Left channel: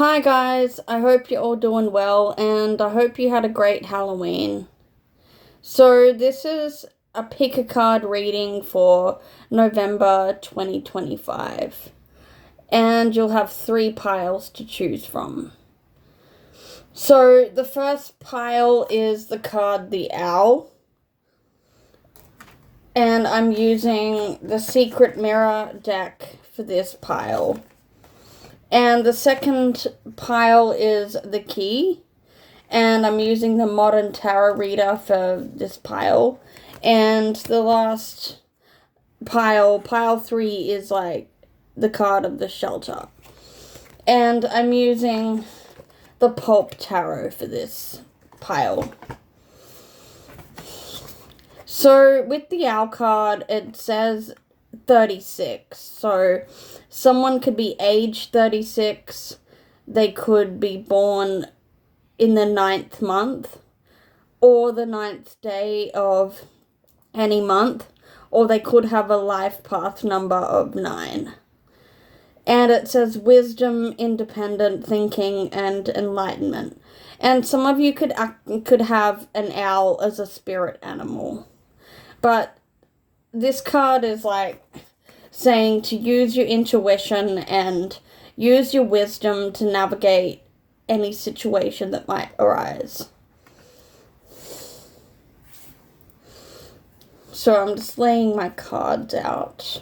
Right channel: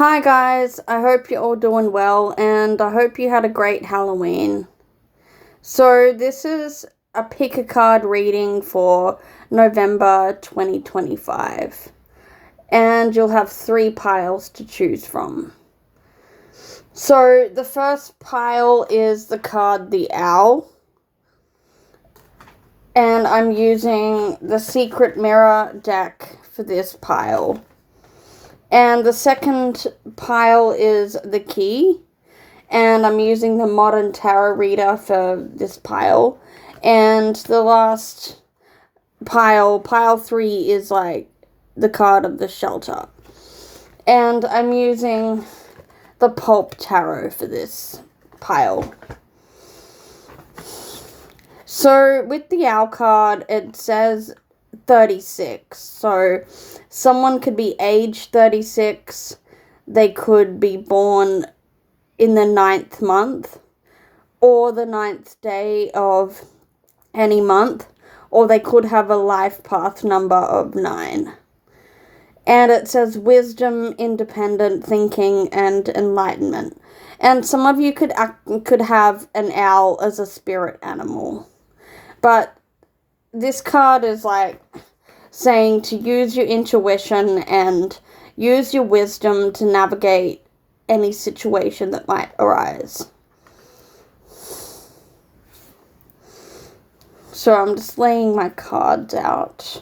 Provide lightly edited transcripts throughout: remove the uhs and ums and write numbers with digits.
Hi guys, I hope you're all doing well and I hope you had a great Halloween. So this is a pick a card reading for November 2025 and you'll have 3 piles to choose from. So the first pile is the card the Owl and I'm using the Secret Mirror deck for this pile. And the second pile is the Key, and I'm using the Modern Tarot Reader for this pile. And the last pile 3, is like the card of the Shelter. And I'm using the Pulp Tarot for this pile. So with the Owl card, it says 36. So someone could be age 36. They could be born in the 9th month or the 9th day of any month, or they could have a life path number of 9. And it says wisdom, independent thinking, and enlightenment. And some of you could have an owl as a spirit animal. But this card is like saying to use your intuition and use your wisdom to navigate any situation that might arise. So I'm just laying my cards out.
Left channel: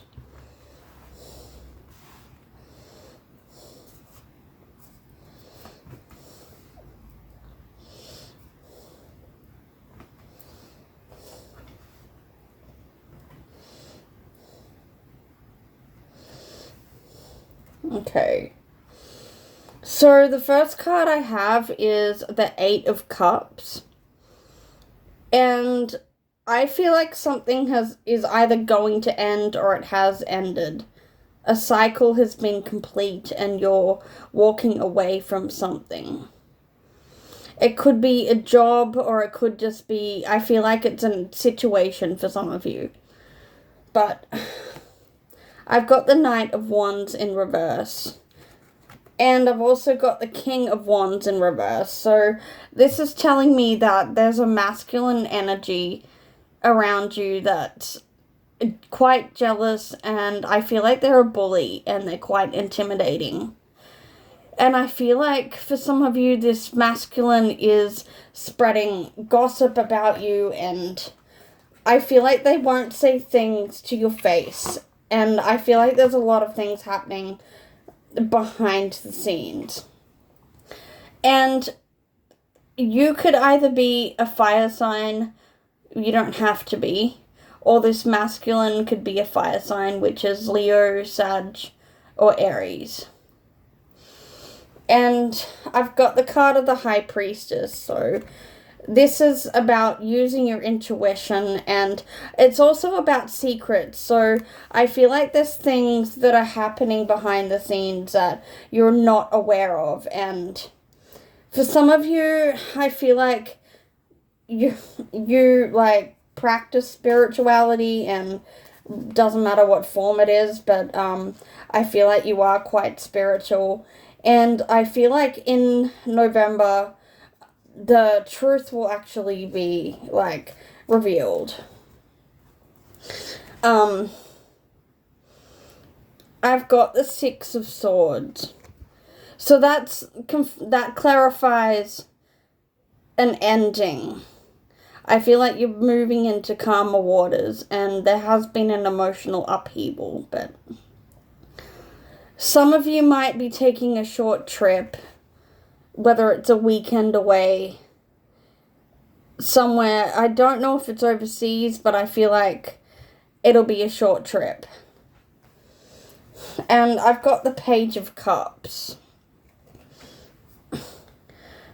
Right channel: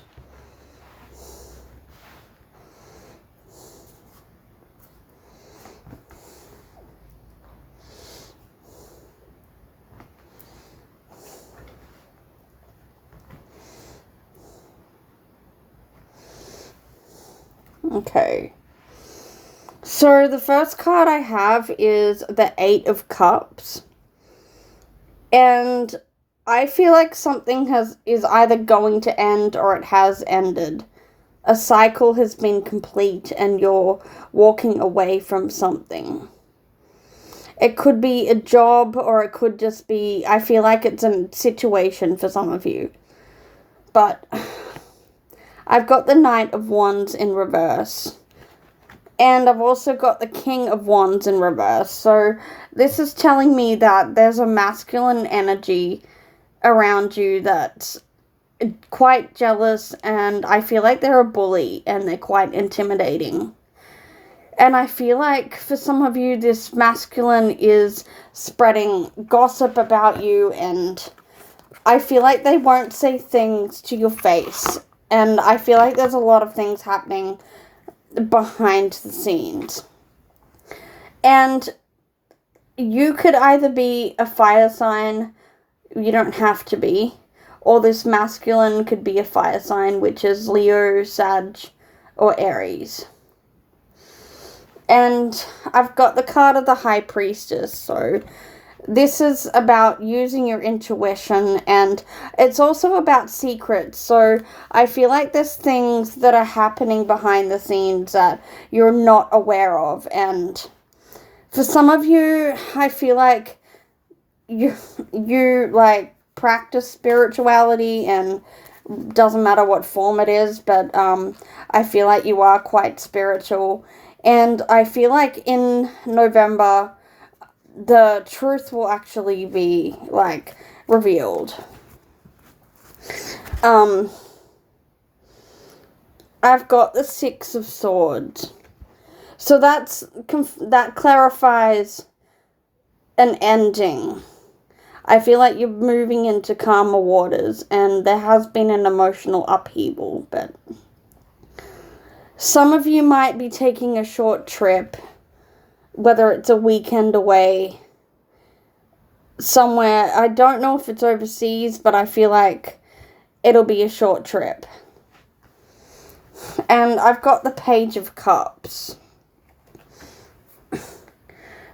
Okay. So the first card I have is the 8 of Cups. And I feel like something is either going to end or it has ended. A cycle has been complete and you're walking away from something. It could be a job or it could just be, I feel like it's a situation for some of you. But I've got the Knight of Wands in reverse. And I've also got the King of Wands in reverse. So this is telling me that there's a masculine energy around you that's quite jealous, and I feel like they're a bully and they're quite intimidating. And I feel like for some of you, this masculine is spreading gossip about you, and I feel like they won't say things to your face. And I feel like there's a lot of things happening behind the scenes. And you could either be a fire sign, you don't have to be, or this masculine could be a fire sign, which is Leo, Sag, or Aries. And I've got the card of the High Priestess, so this is about using your intuition, and it's also about secrets. So I feel like there's things that are happening behind the scenes that you're not aware of. And for some of you, I feel like you like practice spirituality, and doesn't matter what form it is, but I feel like you are quite spiritual. And I feel like in November, the truth will actually be, like, revealed. I've got the 6 of Swords. So that clarifies an ending. I feel like you're moving into calmer waters, and there has been an emotional upheaval, but some of you might be taking a short trip, whether it's a weekend away somewhere. I don't know if it's overseas, but I feel like it'll be a short trip. And I've got the Page of Cups.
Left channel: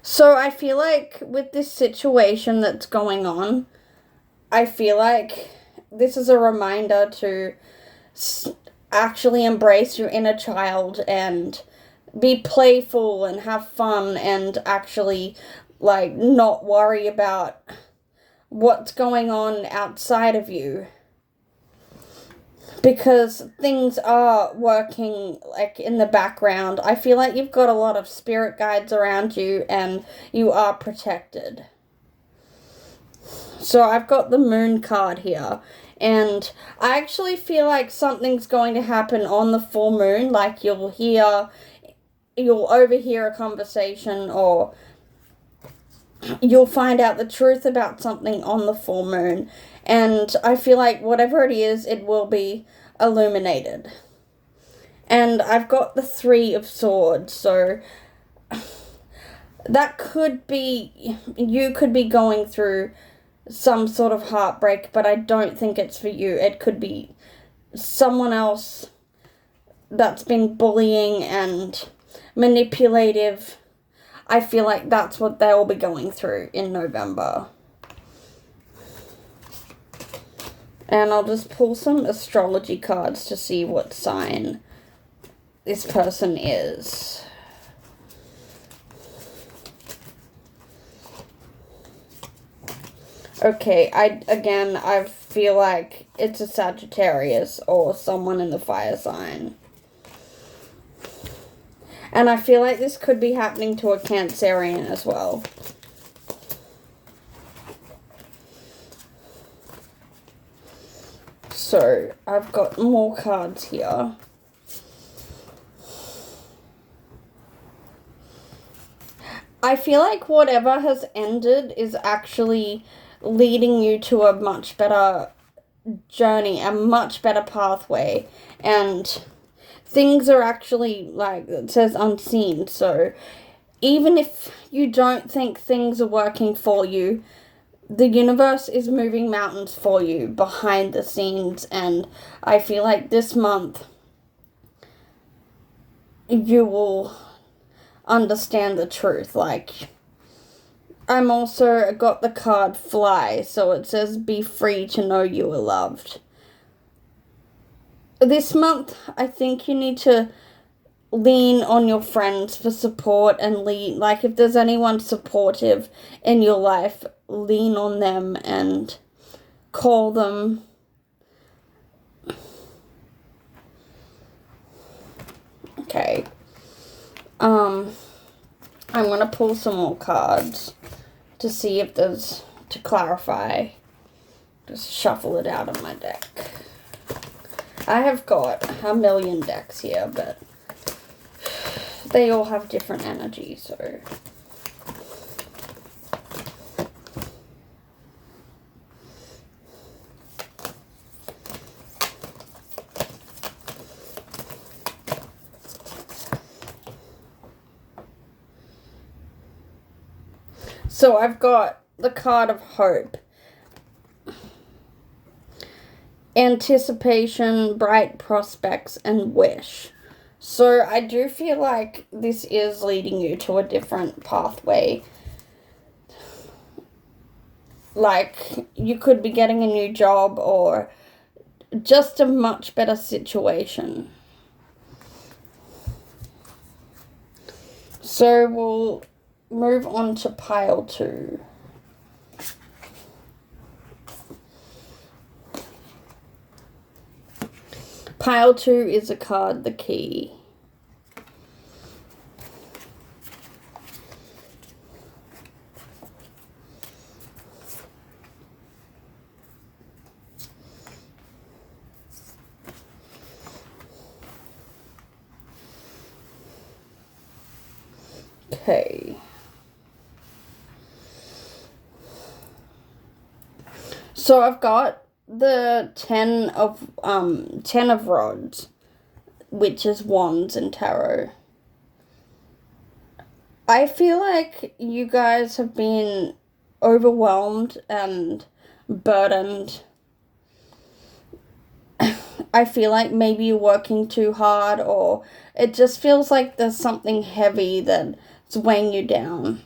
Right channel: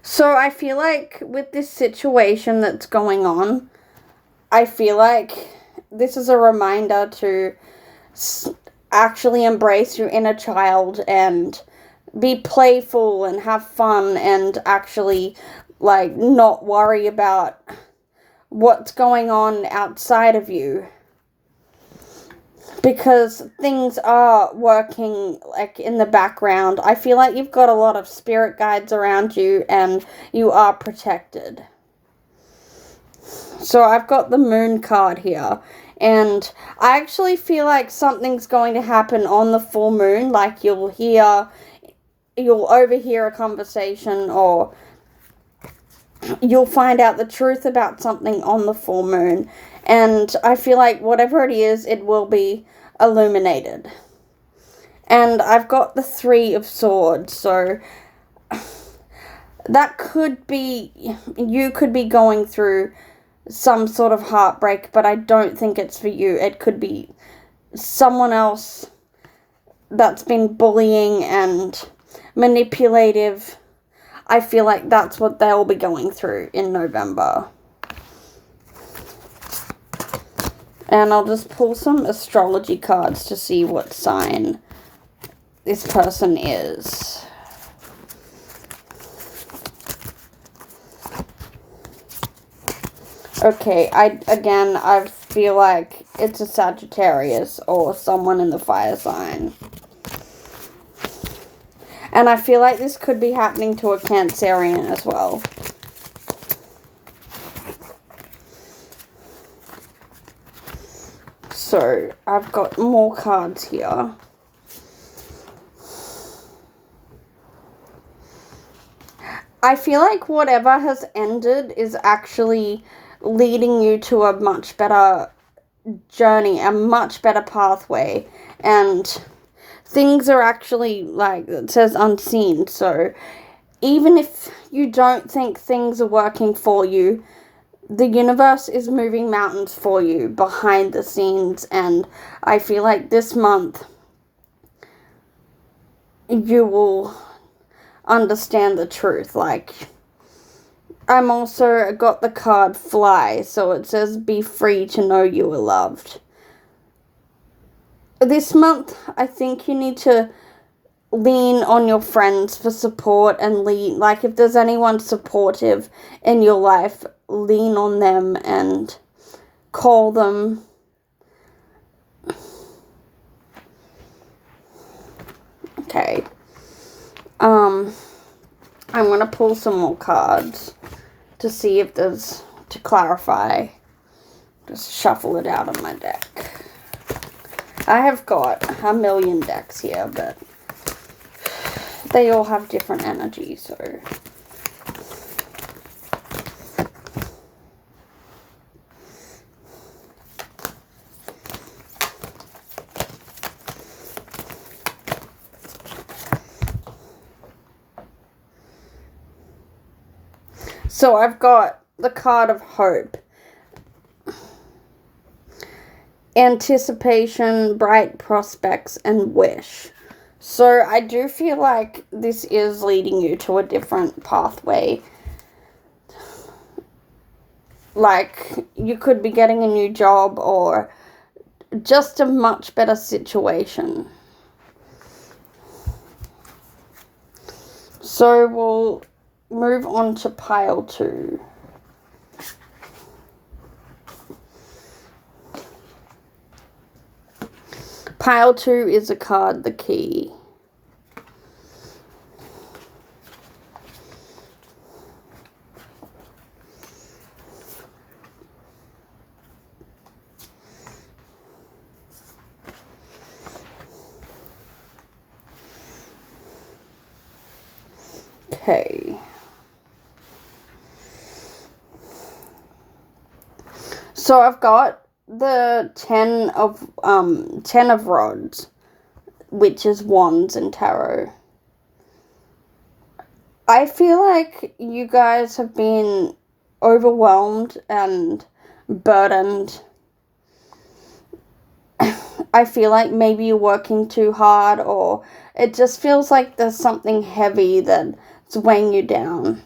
So I feel like with this situation that's going on, I feel like this is a reminder to actually embrace your inner child and be playful and have fun and actually, like, not worry about what's going on outside of you. because things are working like in the background. I feel like you've got a lot of spirit guides around you and you are protected. So I've got the Moon card here, and I actually feel like something's going to happen on the full moon. Like you'll overhear a conversation, or you'll find out the truth about something on the full moon. And I feel like whatever it is, it will be illuminated. And I've got the Three of Swords, so that could be, you could be going through some sort of heartbreak, but I don't think it's for you. It could be someone else that's been bullying and manipulative. I feel like that's what they'll be going through in November. And I'll just pull some astrology cards to see what sign this person is. Okay, I feel like it's a Sagittarius or someone in the fire sign. And I feel like this could be happening to a Cancerian as well. So, I've got more cards here. I feel like whatever has ended is actually leading you to a much better journey, a much better pathway, and things are actually, like it says, unseen. So even if you don't think things are working for you, the universe is moving mountains for you behind the scenes. And I feel like this month you will understand the truth. Like, I'm also got the card Fly, so it says be free to know you are loved. This month, I think you need to lean on your friends for support and like if there's anyone supportive in your life, lean on them and call them. Okay. I'm going to pull some more cards to see if there's, to clarify. Just shuffle it out of my deck. I have got a million decks here, but they all have different energy, so. So I've got the card of hope. Anticipation, bright prospects, and wish. So I do feel like this is leading you to a different pathway. Like, you could be getting a new job or just a much better situation. So we'll move on to pile 2. Pile 2 is a card, the Key. Okay. So I've got the 10 of rods, which is wands in tarot. I feel like you guys have been overwhelmed and burdened. I feel like maybe you're working too hard, or it just feels like there's something heavy that's weighing you down.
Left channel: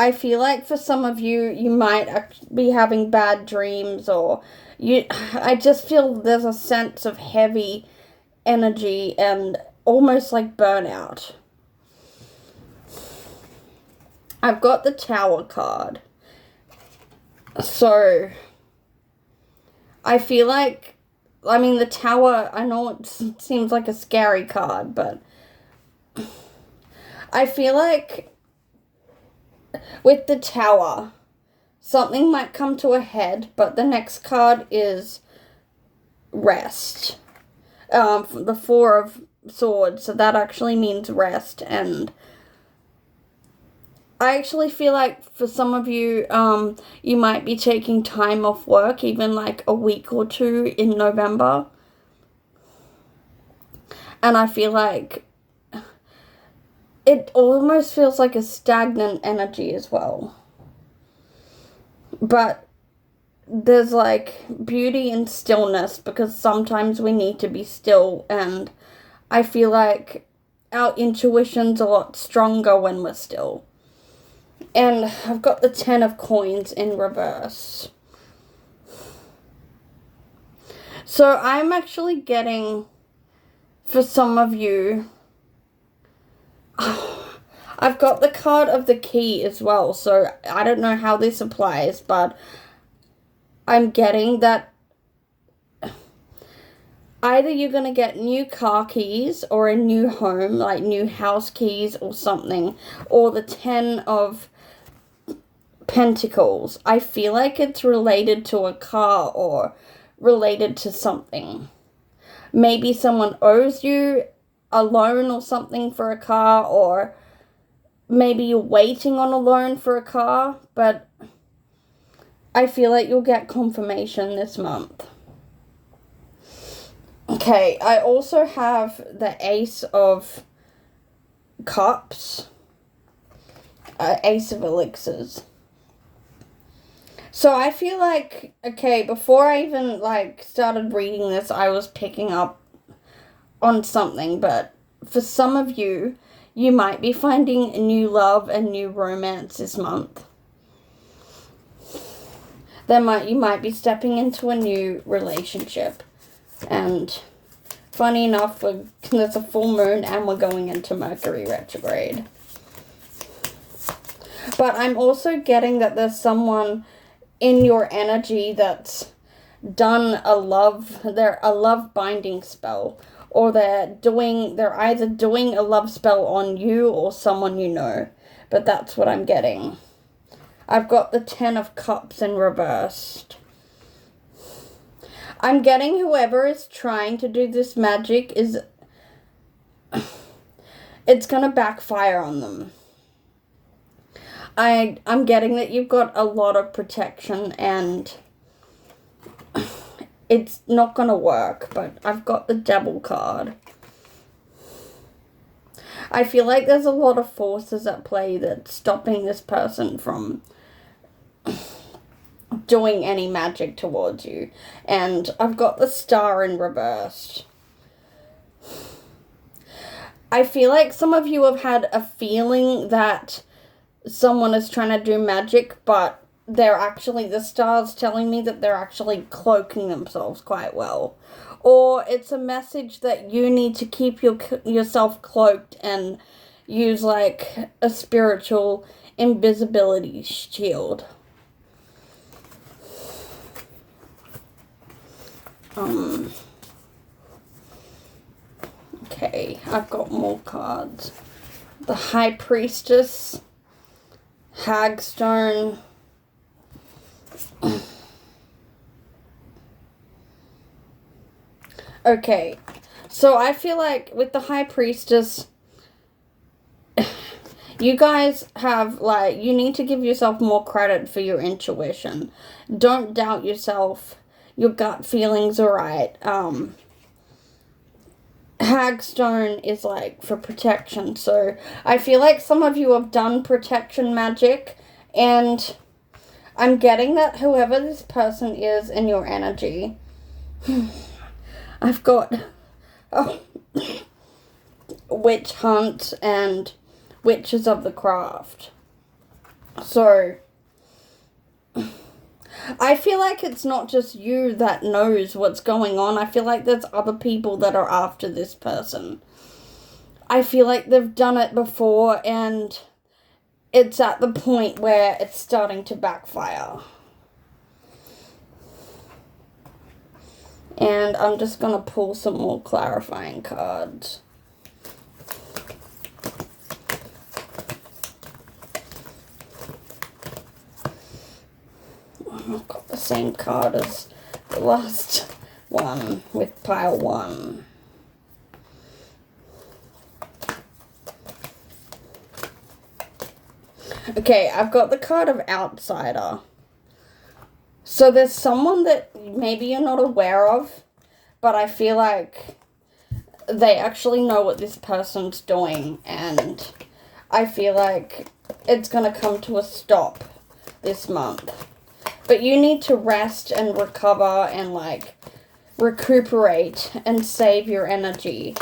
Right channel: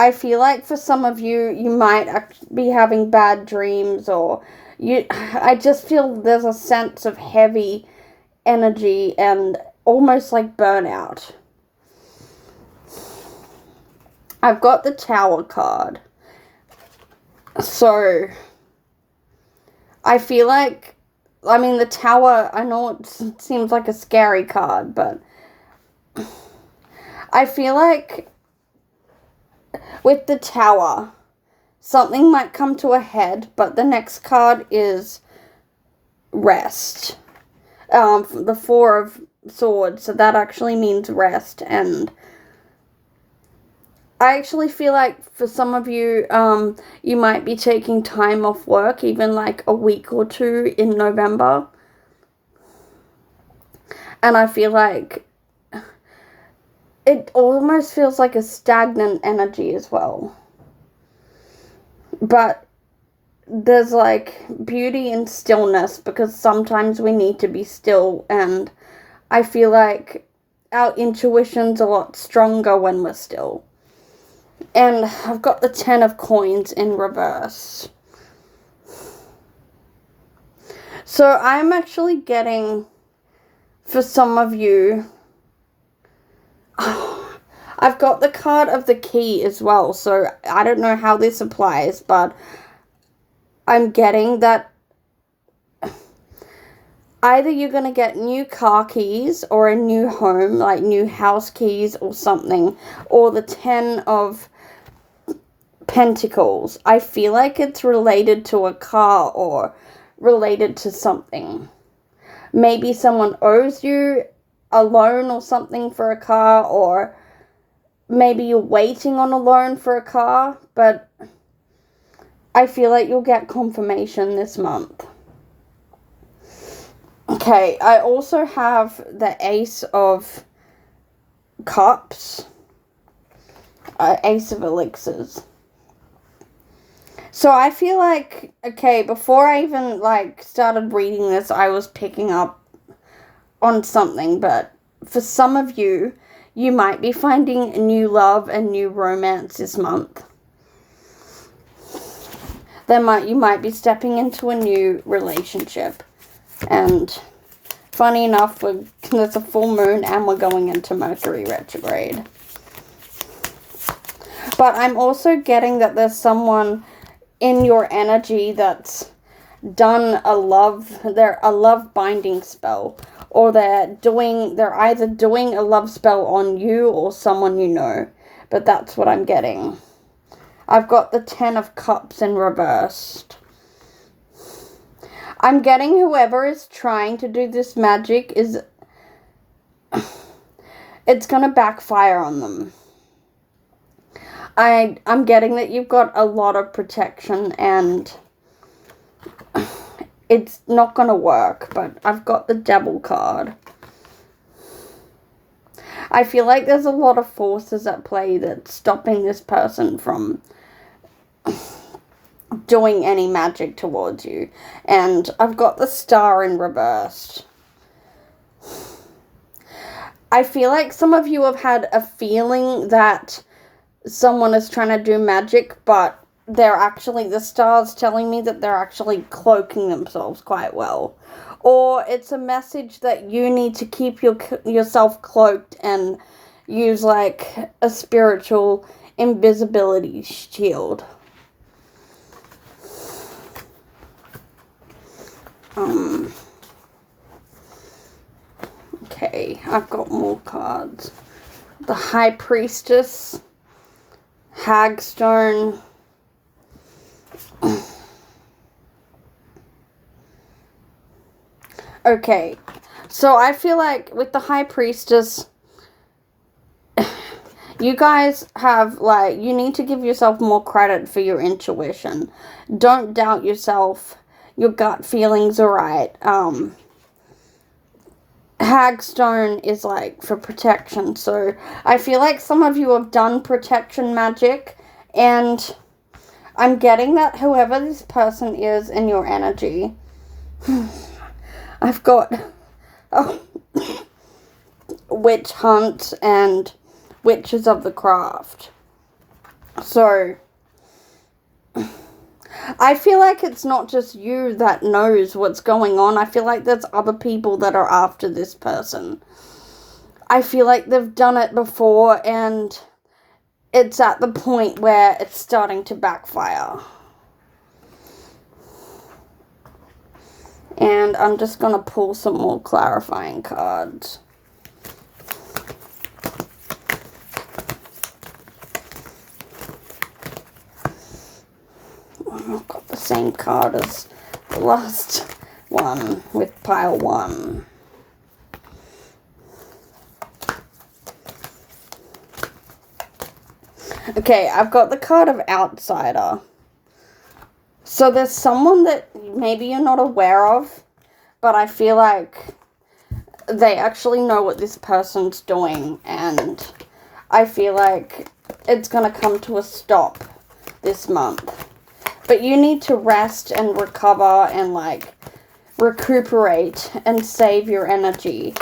I feel like for some of you, you might be having bad dreams, or I just feel there's a sense of heavy energy and almost like burnout. I've got the Tower card. So I feel like I mean, the Tower, I know it seems like a scary card, but I feel like with the Tower, something might come to a head, but the next card is rest. The Four of Swords, so that actually means rest, and I actually feel like for some of you, you might be taking time off work, even like a week or two in November. And I feel like it almost feels like a stagnant energy as well. But there's like beauty in stillness, because sometimes we need to be still, and I feel like our intuition's a lot stronger when we're still. And I've got the 10 of Coins in reverse. So I'm actually getting, for some of you, I've got the card of the Key as well. So I don't know how this applies, but I'm getting that either you're going to get new car keys or a new home, like new house keys or something, or the 10 of Pentacles. I feel like it's related to a car or related to something. Maybe someone owes you a loan or something for a car, or maybe you're waiting on a loan for a car, but I feel like you'll get confirmation this month. Okay, I also have the Ace of Cups, Ace of Elixirs. So I feel like, okay, before I even, like, started reading this, I was picking up on something, but for some of you, you might be finding new love and new romance this month. You might be stepping into a new relationship, and funny enough, there's a full moon and we're going into Mercury retrograde. But I'm also getting that there's someone in your energy that's done a love binding spell, or they're either doing a love spell on you or someone you know, but that's what I'm getting. I've got the 10 of Cups in reversed. I'm getting whoever is trying to do this magic it's gonna backfire on them. I'm getting that you've got a lot of protection and it's not going to work, but I've got the Devil card. I feel like there's a lot of forces at play that's stopping this person from doing any magic towards you. And I've got the Star in reversed. I feel like some of you have had a feeling that someone is trying to do magic, but the star's telling me that they're actually cloaking themselves quite well. Or it's a message that you need to keep yourself cloaked and use like a spiritual invisibility shield. Okay, I've got more cards. The High Priestess, Hagstone, okay, so I feel like with the High Priestess, you guys have, like, you need to give yourself more credit for your intuition. Don't doubt yourself. Your gut feelings are right. Hagstone is, like, for protection, so I feel like some of you have done protection magic, and I'm getting that whoever this person is in your energy, I've got Witch Hunt and Witches of the Craft. So I feel like it's not just you that knows what's going on. I feel like there's other people that are after this person. I feel like they've done it before and it's at the point where it's starting to backfire. And I'm just going to pull some more clarifying cards. I've got the same card as the last one with pile 1. Okay, I've got the card of outsider. So there's someone that maybe you're not aware of, but I feel like they actually know what this person's doing, and I feel like it's going to come to a stop this month. But you need to rest and recover and, like, recuperate and save your energy.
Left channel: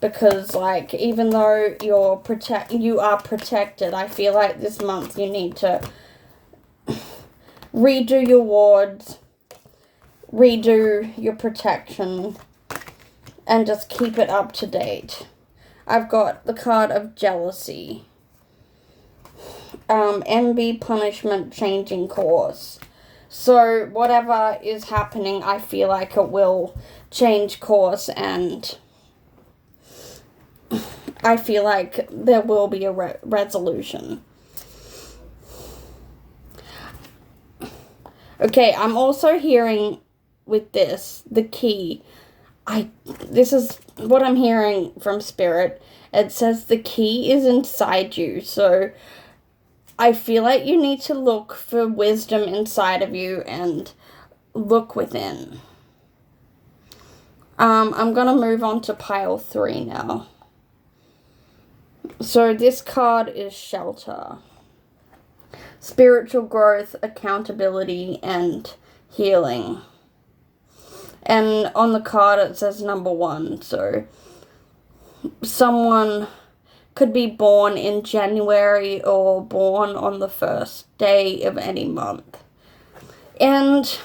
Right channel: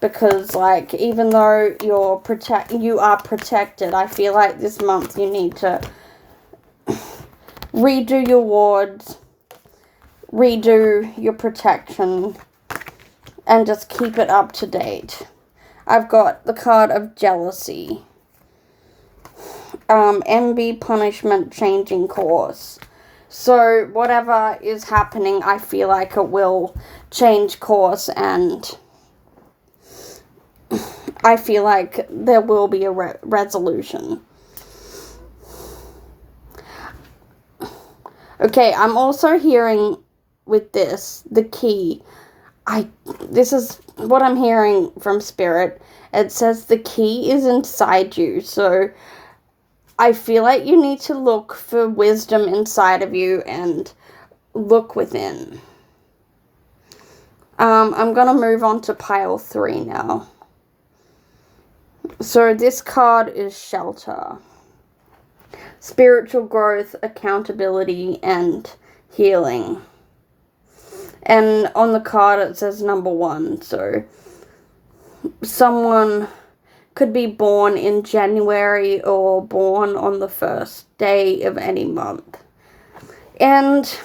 Because, like, even though you are protected, I feel like this month you need to redo your wards, redo your protection, and just keep it up to date. I've got the card of jealousy. Envy, punishment, changing course. So whatever is happening, I feel like it will change course, and I feel like there will be a resolution. Okay, I'm also hearing with this, the key. This is what I'm hearing from Spirit. It says the key is inside you. So I feel like you need to look for wisdom inside of you and look within. I'm going to move on to pile 3 now. So this card is shelter. Spiritual growth, accountability, and healing. And on the card it says number 1. So someone could be born in January or born on the first day of any month. And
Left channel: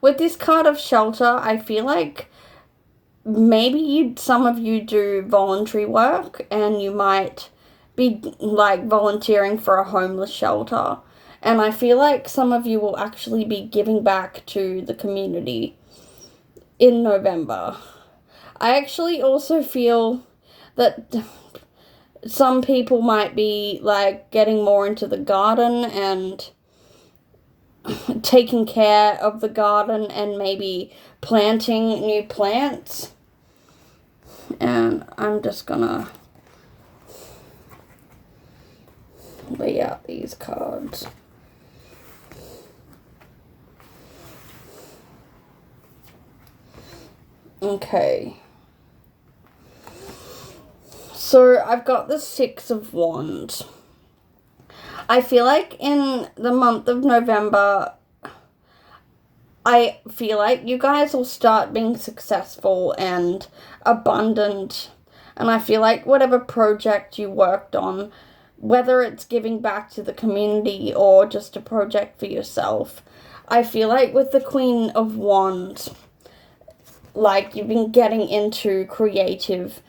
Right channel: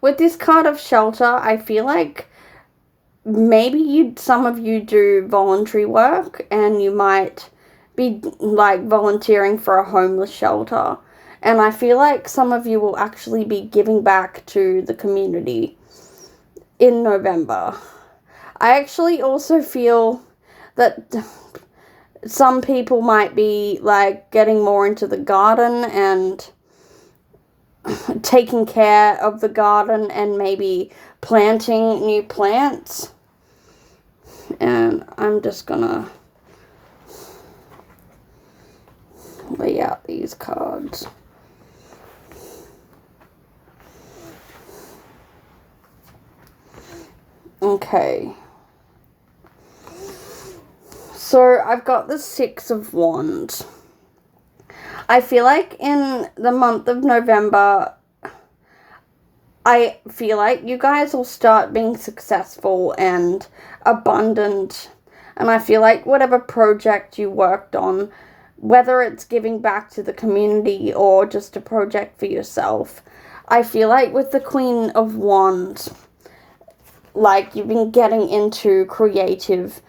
with this card of shelter, I feel like maybe some of you do voluntary work, and you might be, like, volunteering for a homeless shelter. And I feel like some of you will actually be giving back to the community in November. I actually also feel that some people might be, like, getting more into the garden and taking care of the garden and maybe planting new plants. And I'm just gonna lay out these cards. Okay. So I've got the 6 of Wands. I feel like in the month of November, I feel like you guys will start being successful and abundant. And I feel like whatever project you worked on, whether it's giving back to the community or just a project for yourself, I feel like with the Queen of Wands, like, you've been getting into creative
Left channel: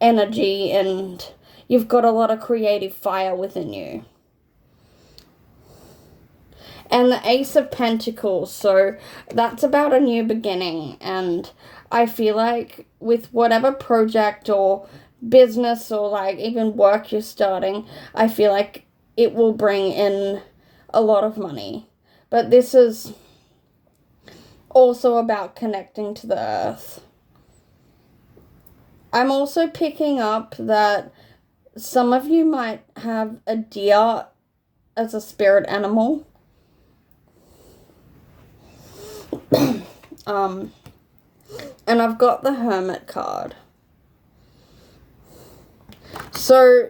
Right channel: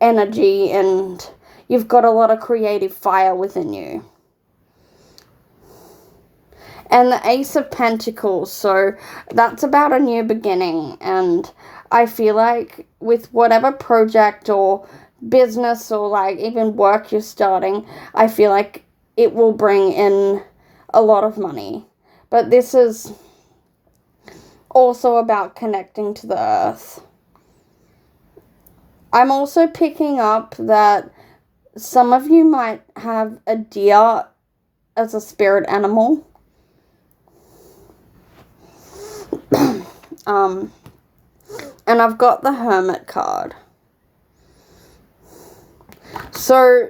energy and you've got a lot of creative fire within you. And the Ace of Pentacles, so that's about a new beginning. And I feel like with whatever project or business or, like, even work you're starting, I feel like it will bring in a lot of money. But this is also about connecting to the earth. I'm also picking up that some of you might have a deer as a spirit animal. And I've got the Hermit card. So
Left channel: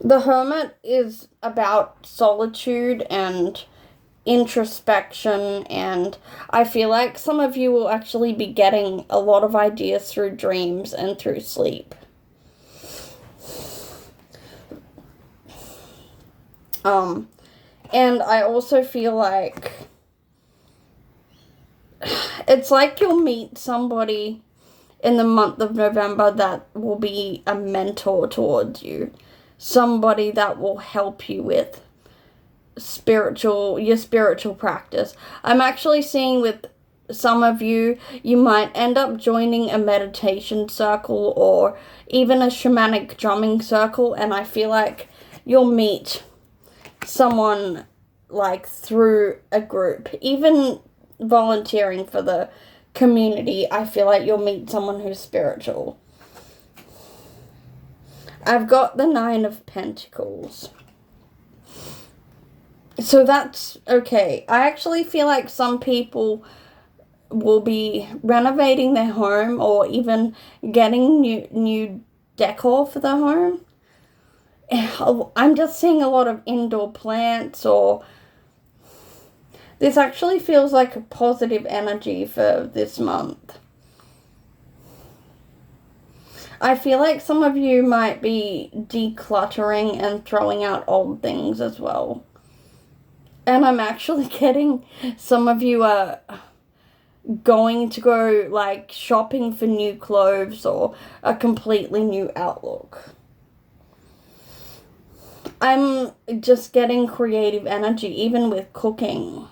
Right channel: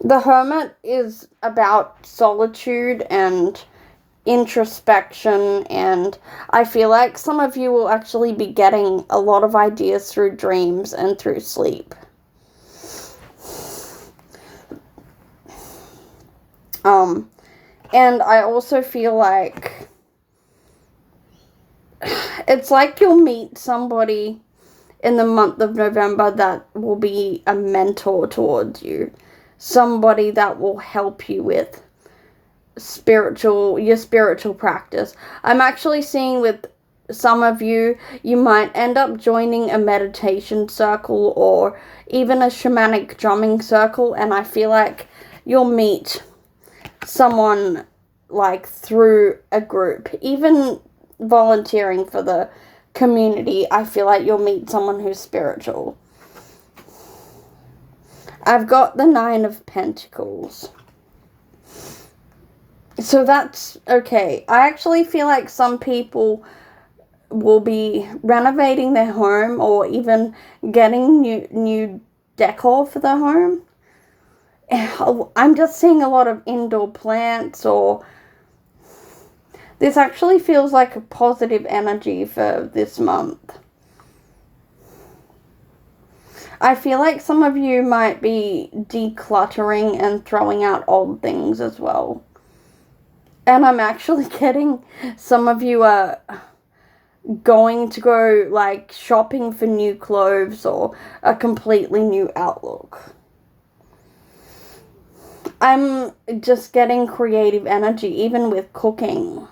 the Hermit is about solitude and introspection, and I feel like some of you will actually be getting a lot of ideas through dreams and through sleep. And I also feel like it's like you'll meet somebody in the month of November that will be a mentor towards you. Somebody that will help you with your spiritual practice. I'm actually seeing with some of you might end up joining a meditation circle or even a shamanic drumming circle, and I feel like you'll meet someone like through a group. Even volunteering for the community, I feel like you'll meet someone who's spiritual. I've got the 9 of Pentacles. So that's okay. I actually feel like some people will be renovating their home or even getting new decor for their home. I'm just seeing a lot of indoor plants, or this actually feels like a positive energy for this month. I feel like some of you might be decluttering and throwing out old things as well. And I'm actually getting some of you are going to go like shopping for new clothes or a completely new outlook. I'm just getting creative energy, even with cooking.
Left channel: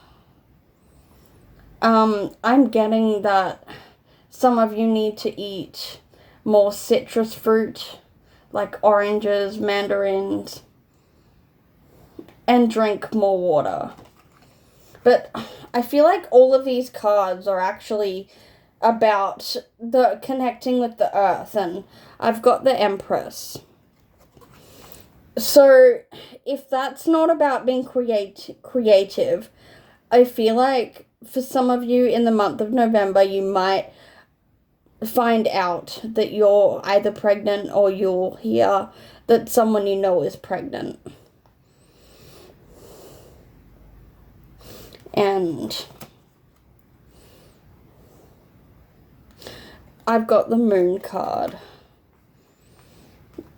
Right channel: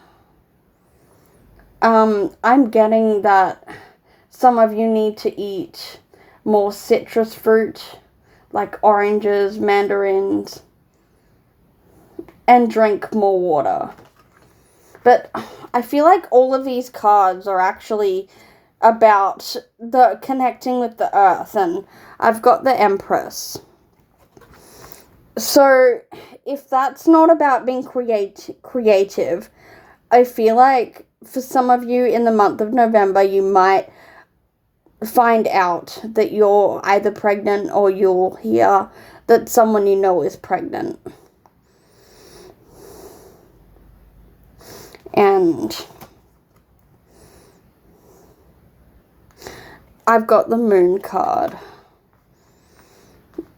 I'm getting that some of you need to eat more citrus fruit, like oranges, mandarins, and drink more water. But I feel like all of these cards are actually about the connecting with the earth, and I've got the Empress. So if that's not about being creative, I feel like for some of you in the month of November, you might find out that you're either pregnant or you'll hear that someone you know is pregnant. And I've got the Moon card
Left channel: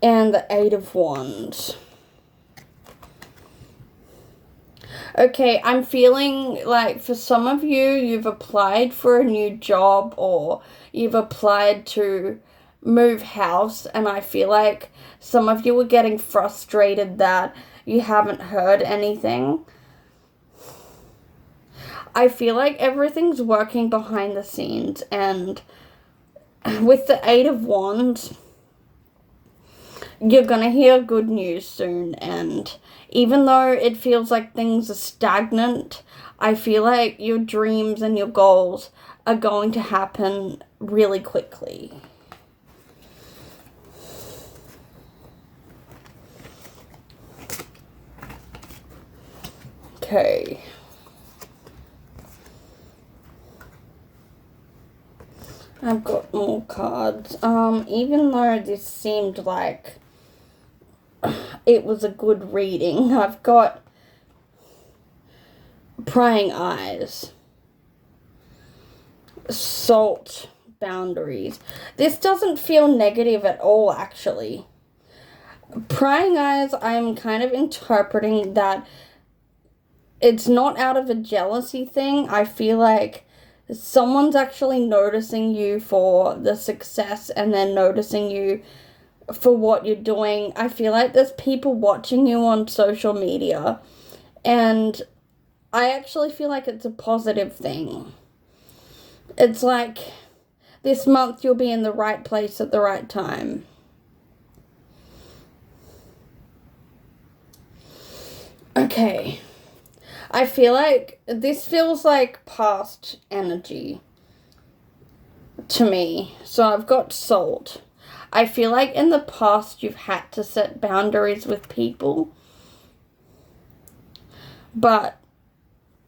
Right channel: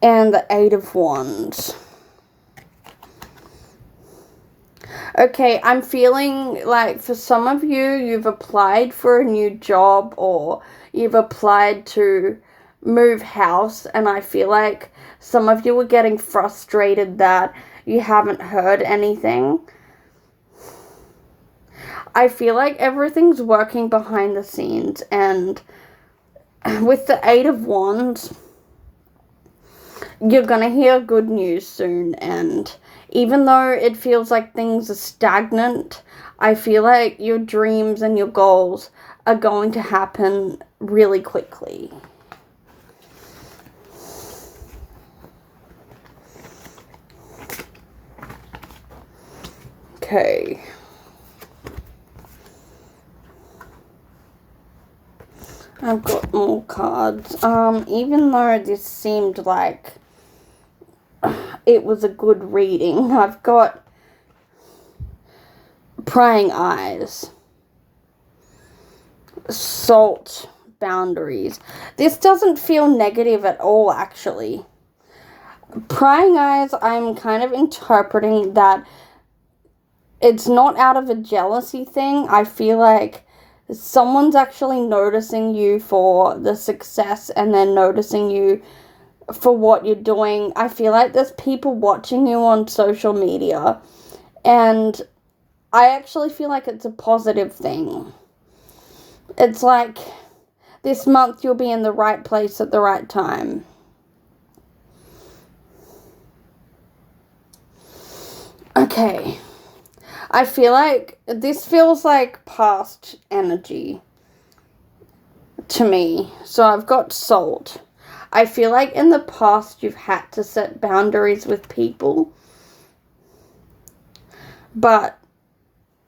and the 8 of Wands. Okay, I'm feeling like for some of you, you've applied for a new job or you've applied to move house, and I feel like some of you are getting frustrated that you haven't heard anything. I feel like everything's working behind the scenes, and with the 8 of Wands, you're gonna hear good news soon, and even though it feels like things are stagnant, I feel like your dreams and your goals are going to happen really quickly. Okay. I've got more cards. Even though this seemed like it was a good reading, I've got Prying Eyes, Salt, Boundaries. This doesn't feel negative at all, actually. Prying Eyes, I'm kind of interpreting that it's not out of a jealousy thing. I feel like someone's actually noticing you for the success and then noticing you for what you're doing. I feel like there's people watching you on social media, and I actually feel like it's a positive thing. It's like this month you'll be in the right place at the right time. Okay. I feel like this feels like past energy to me. So I've got Salt. I feel like in the past you've had to set boundaries with people. But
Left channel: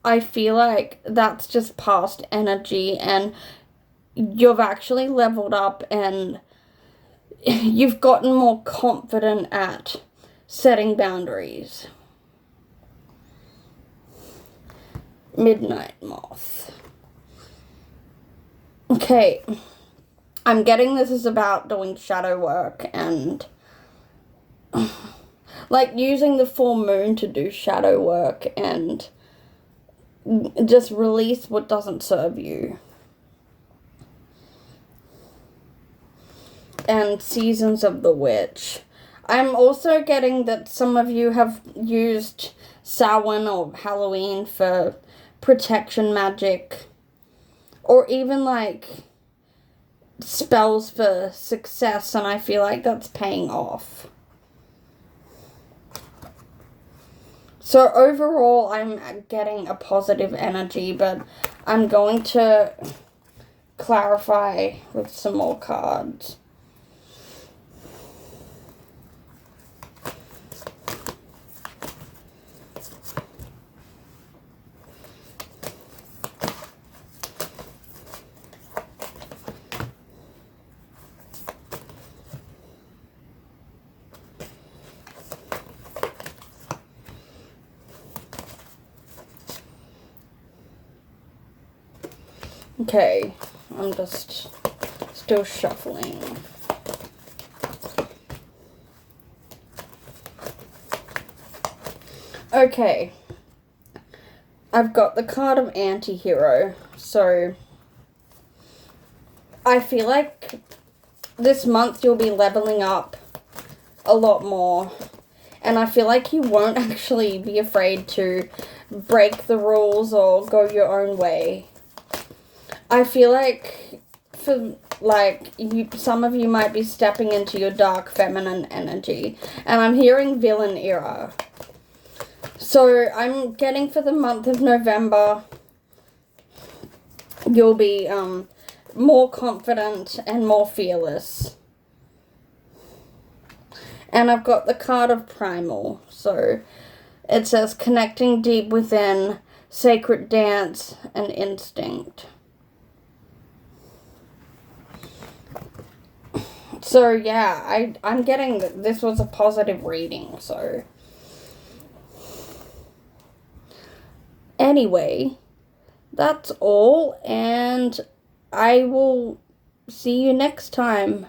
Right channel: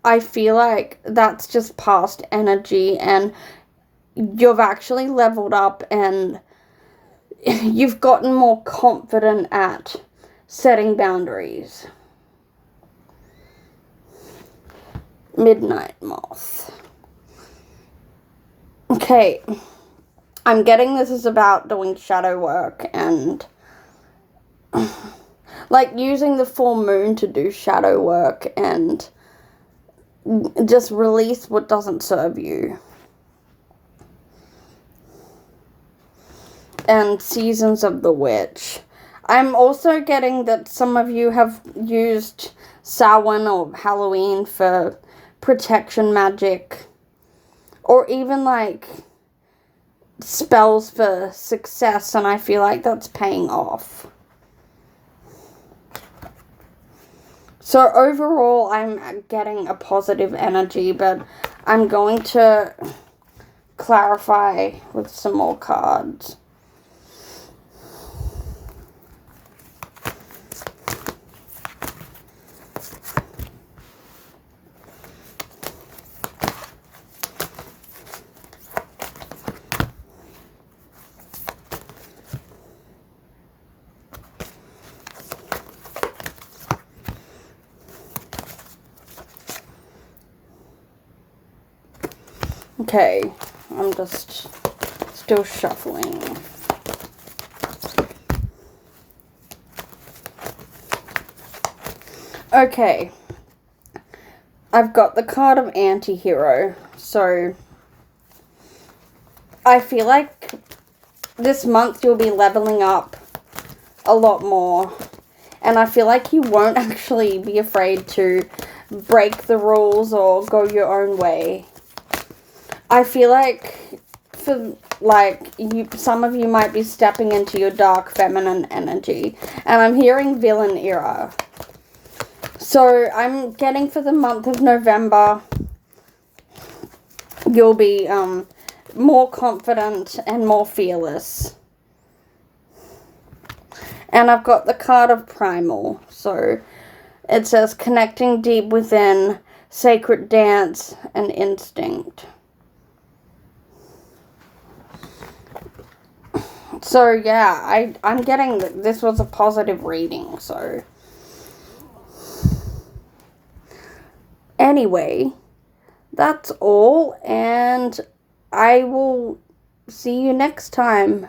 I feel like that's just past energy, and you've actually leveled up and you've gotten more confident at setting boundaries. Midnight Moth. Okay, I'm getting this is about doing shadow work and like using the full moon to do shadow work and just release what doesn't serve you. And Seasons of the Witch. I'm also getting that some of you have used Samhain or Halloween for protection magic, or even like spells for success, and I feel like that's paying off. So overall, I'm getting a positive energy, but I'm going to clarify with some more cards. Okay, I'm just still shuffling. Okay, I've got the card of Anti-Hero, so I feel like this month you'll be leveling up a lot more, and I feel like you won't actually be afraid to break the rules or go your own way. I feel like some of you might be stepping into your dark feminine energy, and I'm hearing villain era. So I'm getting for the month of November, you'll be more confident and more fearless. And I've got the card of Primal. So it says connecting deep within, sacred dance, and instinct. So yeah, I'm getting that this was a positive reading, so. Anyway, that's all, and I will see you next time.